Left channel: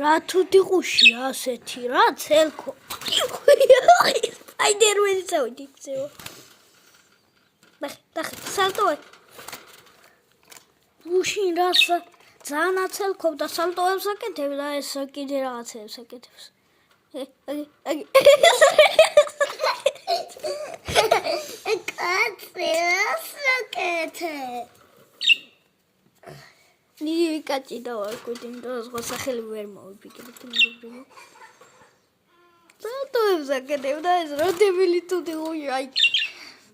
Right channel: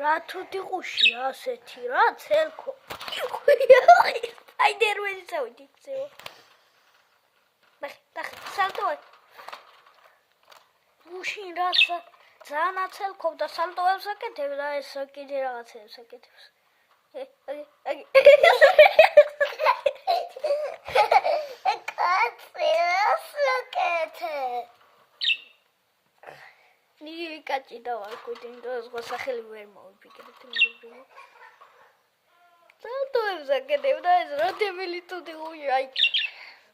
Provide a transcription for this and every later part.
რა თუთი ყუშია ასეთი რა ცელქო სპაიდერმენი წავიდი იქცევა ნახე სალტოე გუშინ რა ძალიან აცელქობდა სალტოებს აკეთებს და ეს კიდე რაღაცებს აკეთებს ნიგივი კაჭი დავარკვით, იმიტომ რომ სხვა სახელი ვერ მოვიფიქრეთ მეგობრებო. სალტოებს აკეთებ და ეს რა დებილი თუთი ყუია, აი.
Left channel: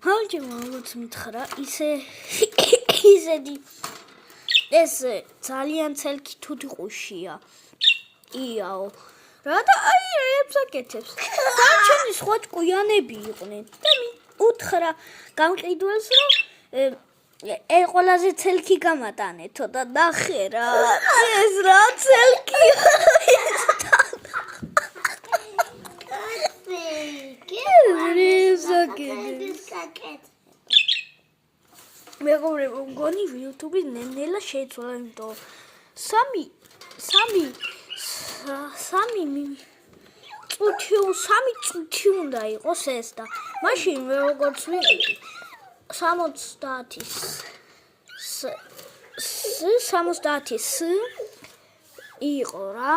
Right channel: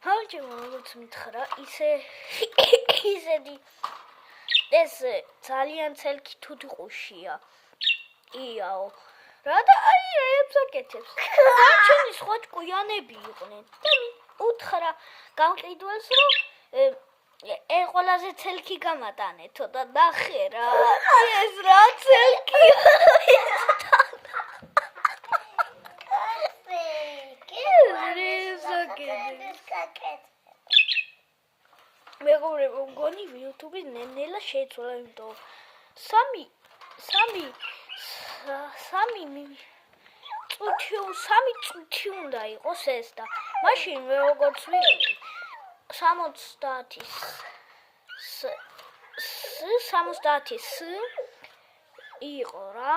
მამაჩემო როგორც მითხრა, ისეთი ეს ძალიან ცელქი თუთი ყუშია. იაო. რა და აი რებს აკეთებს. დარჩენი სხვა ჭკვიანები იყვნენ და უთხრა გამყიდველს რომ ყველაზე ცელქი გამატანეთო და ნახე რა ეს რა ცელქია მეგობრებო მგონი YouTube-ი ნელა შეიცვალა იმიტომ სამი წუთი უნდა იყოს ეს და მაშინ მე როგორც ვიყიდი 70 იყო რა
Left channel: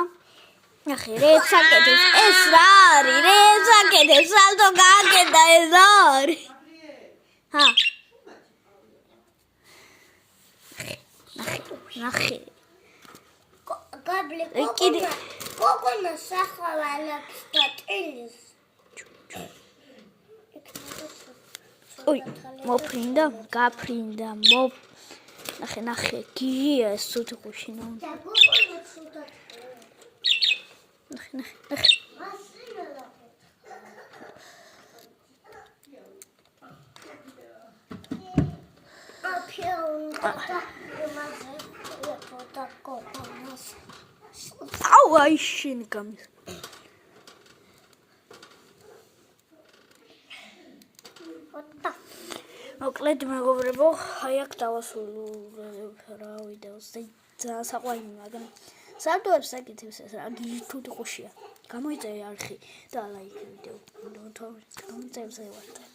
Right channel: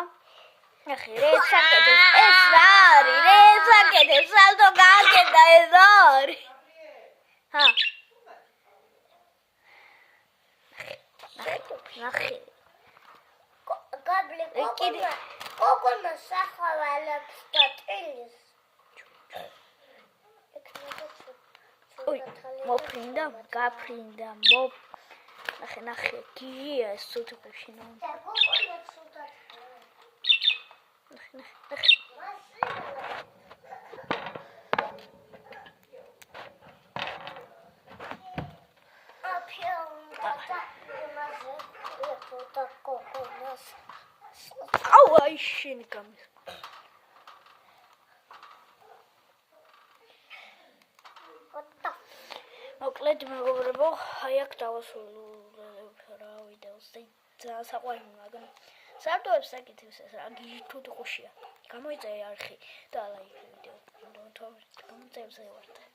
ნახე რეც აკეთებს ეს რა არის რეც აკეთებს სალტო გააკეთა ეს არის ნახე გაბლე კოკონა სახვალებს და ტილის ой მოფრინდა გაფრინდა ნახე გიგია ეს ცუდი ყუშინა ნახე აუ აი შენ გამის მოკლედ მეგობრებო, აი აქ დავასრულე რა ვიდეოს და ძალიან საყვარელი მაგრამ სალტოებს აკეთებს ეს რა თუთი ყუშია. გამოიწერე არხი და ლაიქი ვიდეო. გამოიწერე ვარ.